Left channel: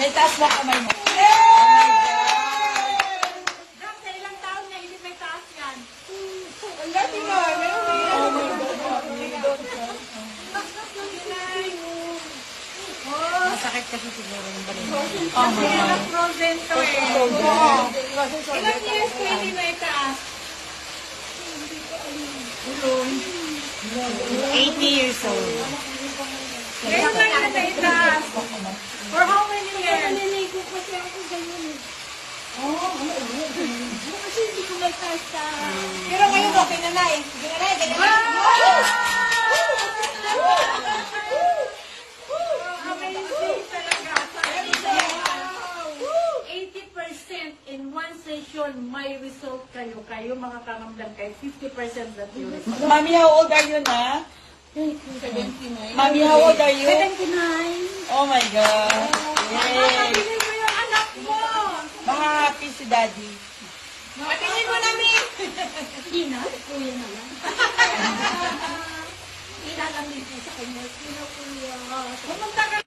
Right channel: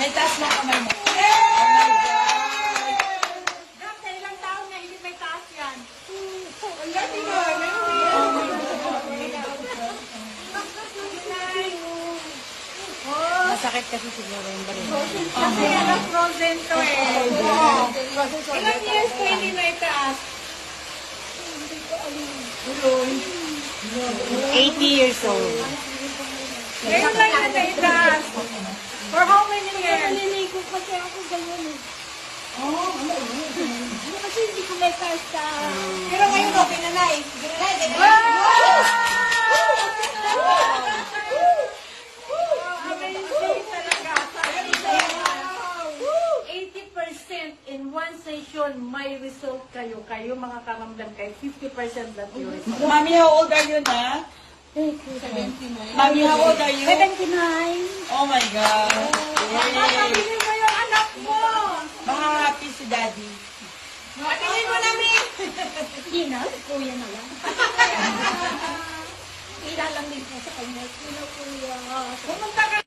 May taas na kamay mo. Dok, sa ilang taon na hindi may taas yan. Wala, di ba? Masakit kasi siguro yung balon. Kasi frozen to eh. Ilang years ko hindi may taas? 80 years old. Ngayon lang na may taas. For how many years? Naliligo kasi ako ganyan eh. Kasi hindi ko may pasta. Pero ngayon okay na na eh. Sige na na eh. Amazing talaga. 80% in one session, may result kayo. Kayo makakamamdam kayo. 50% that you result. Mami, how old are you na? Thank you. 79. Mami, how old are you? 79. Oh my God. Yay. Makakabili mo yung anak mo. Mga happy si Daddy. Patingin mo namin. Hindi na, kuya na lang. Ilalamig po sa kanya. Sino kuya? Pumunta ka